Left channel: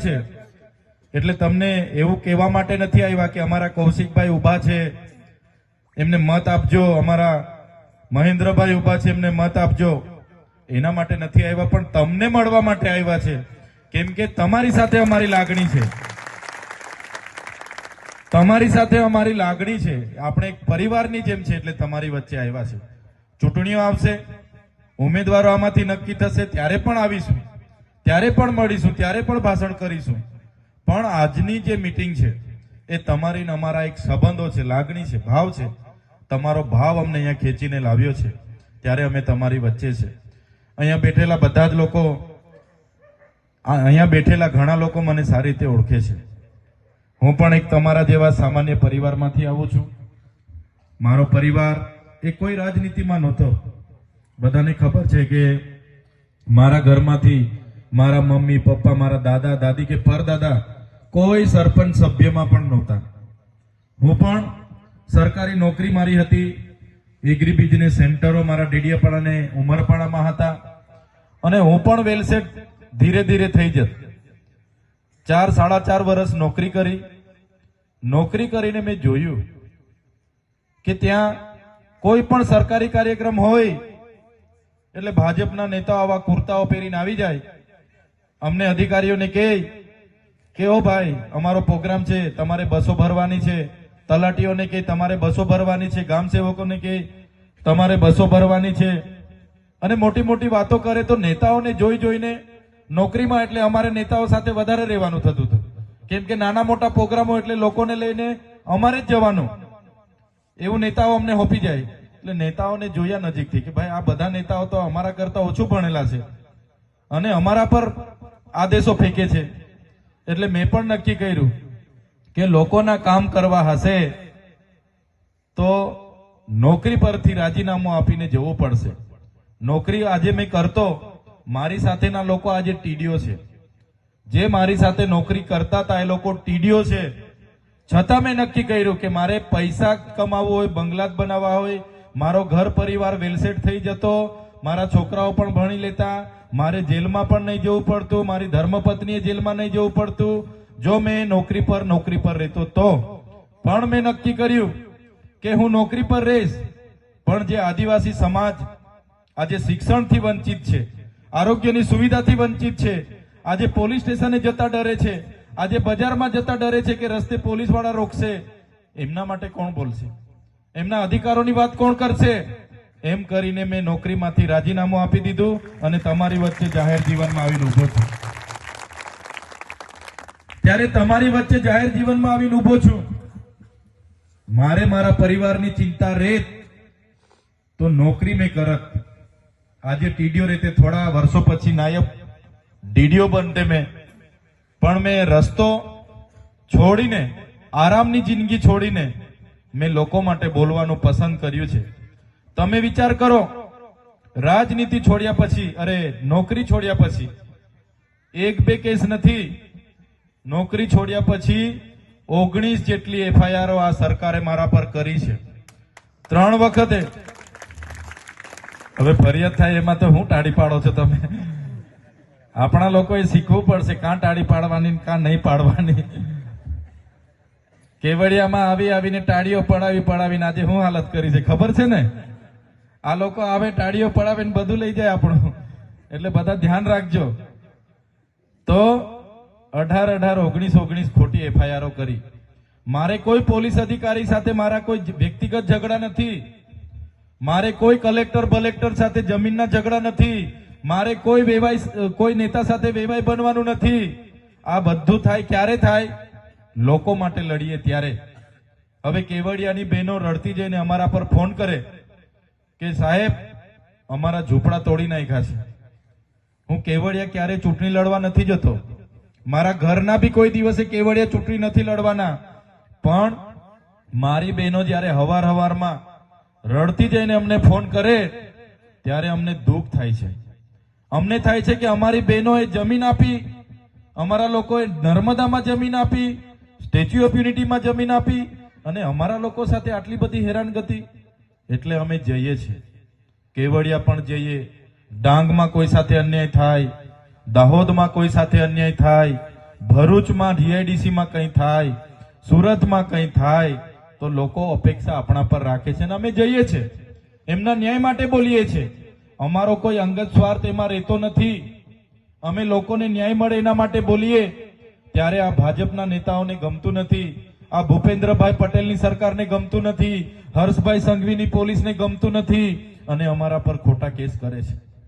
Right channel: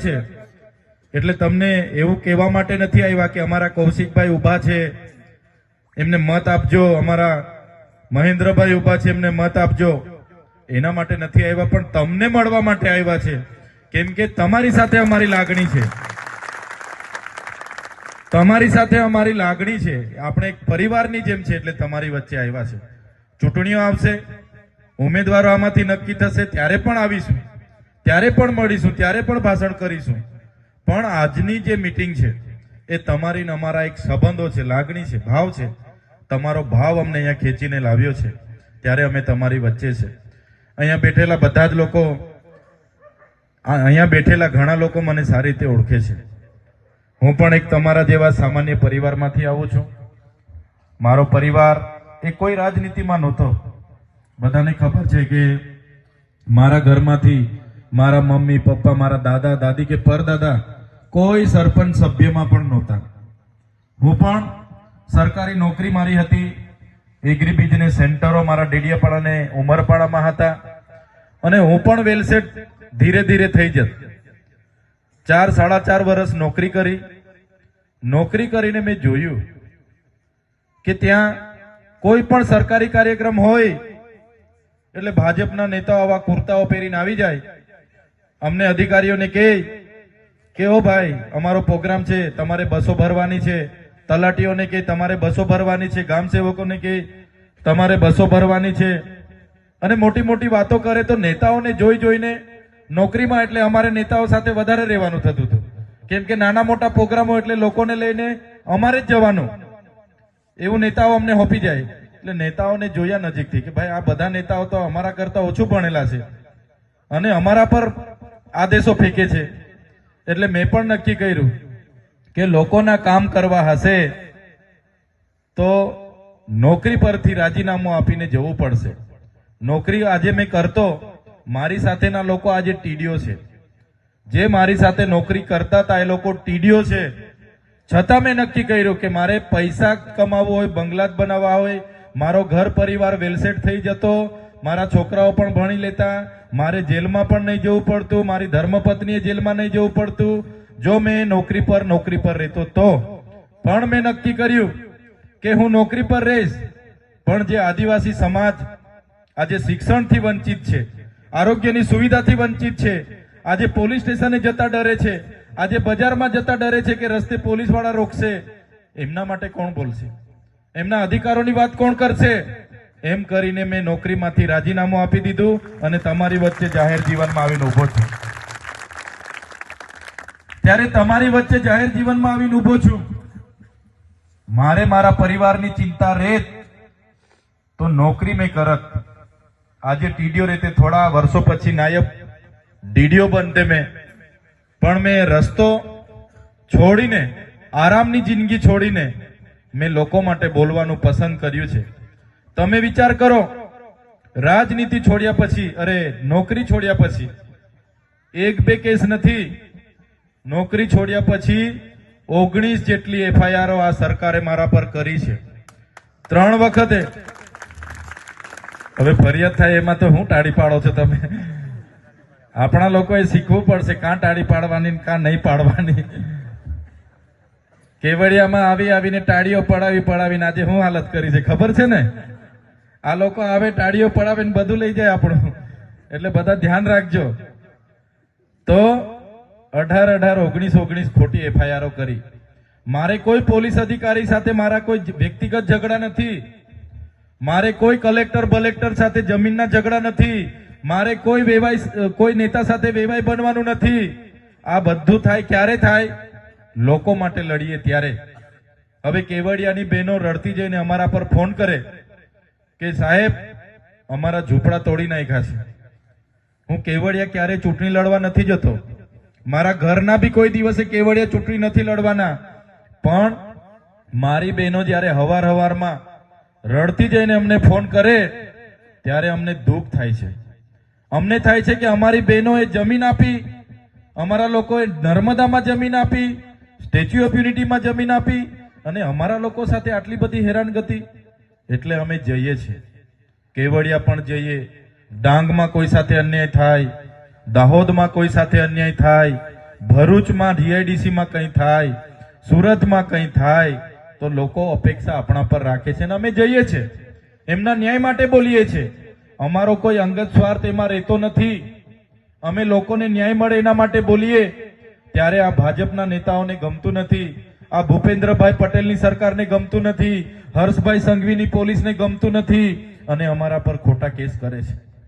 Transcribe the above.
છે. એટલે તમને એવું કહેવા માટે નથી આવ્યા કે અમારા કૌશિકભાઈ ઊભા છે. એમને મત આપજો. અમારા મહેન્દ્રભાઈ ઊભા છે, એમને મત આપજો. એના માટે નથી આવ્યા, પણ તમને મળવા માટે આવ્યા છે. કેમ કે તમારી સાથે અમારી લાગણી છે. તમારી સાથે અમારી લાગણી છે. આપણે એક પરિવારની જેમ છે, એટલે તમારી વચ્ચે આવ્યા છે. ચૂંટણીઓ આવશે. ઉમેદવારો આમાંથી નક્કી થશે. ત્યારે પણ આવીશું. ત્યારે પણ મળીશું, ત્યારે પણ ભાષણ કરીશું. પણ આજની જે મિટિંગ છે, એ તમારી અમારા એક સંબંધો છે, લાગણી છે, ભાવ છે. તમારો ભાવ અમને અહીંયા ખેંચીને લાવ્યો છે. ત્યારે અમે તમારી વચ્ચે છે. અહીંયા બેઠેલા બધા જ લોકો અહીંયા બેઠેલા ઘણા લોકો મને સારી રીતે ઓળખે છે. હું પણ એક તમારા જેવા સામાન્ય પરિવારમાંથી આવું છું. મારો પરિવાર એ કોઈ રાજનીતિમાં નહોતો. બધાને ખબર છે કે મારા ઘરમાંથી મારા મમ્મી, પપ્પા, મારા દાદા, દાદી કે પરદાદા, કોઈ સરપંચ સભ્યમાં પણ નહોતા. હું પણ સરકારી નોકરી મારી હતી. એગ્રી બિઝનેસ સેન્ટરો મારા ડેડિયાપાડા ને ઉમરપાડામાં હતા. અને હું પણ વેલસેટ ધીરે ધીરે થઈ જત. ચાર, સાડા ચાર વર્ષ નોકરી કરી. નોકરી કરીને મેં જોયું કે ત્યાં કોઈ પણ સરકારી કાર્યક્રમ હોય, એટલે ભાજપના નેતાઓ આવા કુર્તાઓ પહેરીને આવી જાય અમને અધિકારીઓને કહે કે ઓ ભાઈ, અમારો પ્રોગ્રામ છે, તમારે બસો ભરવાની છે. તલાટીઓને કે, તમારે બસો ભરવાની છે. ગામ સેવકોને કે, તમારે બસો ભરવાની છે. અને મોટી મોટી વાતો કરે તો નેતાઓને જોઈ જોઈને નોકરીમાં એટલે અમારે નેતાઓ સાથે વધારે રહેવાનું થતું હતું. કેમ કે નાના મોટા પ્રોગ્રામો એટલે લોકોને લઈને અમારે જ જવાનું. એવું નેતાઓ અમને હોપી જાય. એટલે નેતાઓને જોયા નજીકથી કે ભાઈ, આ બધા નેતાઓ તો અમારા કરતા ઓછું ભણેલા છે. અને અમારા પર આદેશો ફેંકે છે. એટલે મેં પણ નક્કી કર્યું કે લોકોના કામ કરવા હશે તો નોકરી પરથી રાજીનામું આપીને જવું પડશે. નોકરી આજે મેં કરતો, મારી સાથેના લોકો આજે ટીડીઓ છે. જે મારી સાથે નોકરી કરતા હતા એ લોકો ટીડીઓ છે. છતાં મેં નક્કી કર્યું કે મારે પૈસા કમાવવો હોય બંગલા જ બનાવવા હોય, મારો ઘર પરિવાર વેલસેટ થઈ જતો મારા છોકરાઓ પણ ભણી લેતા, મારે જેલમાં પણ નહીં જવું પડતું, મારી ધર્મપત્નીએ જેલમાં નહીં જવું પડતું. જો મેં નોકરી પર નોકરી પર રહેતો તો? પણ મેં નક્કી કર્યું કે હું નોકરી પર રહીશ. પણ જે આદિવાસી સમાજ આજે શિક્ષણથી વંચિત છે, આરોગ્યની સુવિધાથી વંચિત છે, આજે પોલીસ સ્ટેશને જતા ડરે છે, આજે બજારમાં જતા ડરે છે કે રસ્તે પોલીસવાળા રોકશે, એમના માટે કોણ બોલશે? એમના અધિકારોની વાત કોણ કરશે? એમ કરીને મેં નોકરીમાંથી રાજીનામું આપી દીધું અને તમારી વચ્ચે જાહેર જીવનમાં આવીને ઊભો છું. ત્યારે તમારી વચ્ચે જાહેર જીવનમાં આવીને ઊભો છું. મારે મારા પરિવારની ચિંતા રેત. તો નોકરી મેં કરત. આજે ટીડીઓ રીતે થોડા વર્ષો પછી નાયબ ડીડીઓ બનતે મેં. પણ મેં રસ્તો છોડીને, આરામની જિંદગી છોડીને મેં લોકો માટે બોલવાનું પસંદ કર્યું છે. તમે વિચાર કરો, રાજનીતિ છોડ્યા પછી, અરે નોકરી છોડ્યા પછી, એક બે કેસ નથી, નોકરી છોડ્યા પછી ઓગણીસ જેટલી એફઆઈઆરઓ આ સરકારે મારા પર કરી છે. ત્રણ વખતે. હવે ફરિયાદ થાય એમાં તો હું ટાળી પાડો છો તમે? આપણા લોકોએ શીખવું પડશે કાં ટાળી પાડવાની કાં નહીં પાડવાની. કેવડિયામાં આવી આવીને ટાળીઓ પડાવી, પડાવીને આજે હું હાલત કરી છે? ખબર છે ને? આ લોકો આવે, ટાળીઓ પડાવીને બધું લઈ જાય આપણું. એટલે બધા ધ્યાન રાખજો. તો અઢાર અઢાર ઓગણીસ ઓગણીસ ખોટી એફઆઈઆરો કરી. મારે કોઈ પોલીસ અધિકારી સાથે મારા કોઈ વ્યક્તિગત ઝઘડા નથી. મારે કોઈ કલેક્ટર બલેક્ટર સાથે જમીનના ઝઘડા નથી. મારે કોઈ વેવાય કોઈ નેતા સાથે વેવાય બનવાનું નથી. આ બધું થાય, ક્યારે થાય? લોકો માટે લડીએ ત્યારે. હવે કેવડિયાની બહેનો રડતી જઈને અમારા પર ફોન કરે. કે સાહેબ, અમારા ઝૂંપડા તોડી નાખ્યા છે. હું કેવડિયા ક્યારે ચૂંટણી લડવા નથી જતો? મારા ઘરના બી કોઈ દિવસે કેવડિયા ચૂંટણી નથી લડવાના. પણ મારી બહેનો જ્યારે હવાર હવારમાં રડતી જઈને અમને ફોન કરે, ત્યારે અમને દુઃખ થાય છે. અમને થાય છે કે અમારી બહેનોએ જમીન આપી, અમારા લોકોએ નર્મદામાં જમીન આપી, સ્ટેચ્યુ ઓફ યુનિટીમાં જમીન આપી, અને અમારા લોકો સાથે આટલી બધી હેરાનગતિ એટલે અમે જઈએ છીએ. કેવડિયા પણ જઈએ. ડાંગમાં કોઈ સાથે અન્યાય થાય, દાહોદમાં કોઈ સાથે અન્યાય થાય, ભરૂચમાં ડીઆઈડીસીમાં કંઈ થાય, સુરતમાં કંઈ થાય, તો લોકો અપેક્ષા આપણા પર રાખે છે અને અમે જઈએ છીએ. એમના ન્યાય માટે બોલીએ છીએ. અમારો કોઈ અંગત સ્વાર્થ એમાં રહેતો નથી. અમે લોકોને ન્યાય મળે એના માટે બોલીએ. ત્યારે આ ભાજપના નેતાઓને ગમતું નથી. આ ભૂપેન્દ્રભાઈ પટેલની સરકારને ગમતું નથી, હર્ષભાઈ સંઘવીની પોલીસને ગમતું નથી અને અમારા પર ખોટા કેસ કરે છે.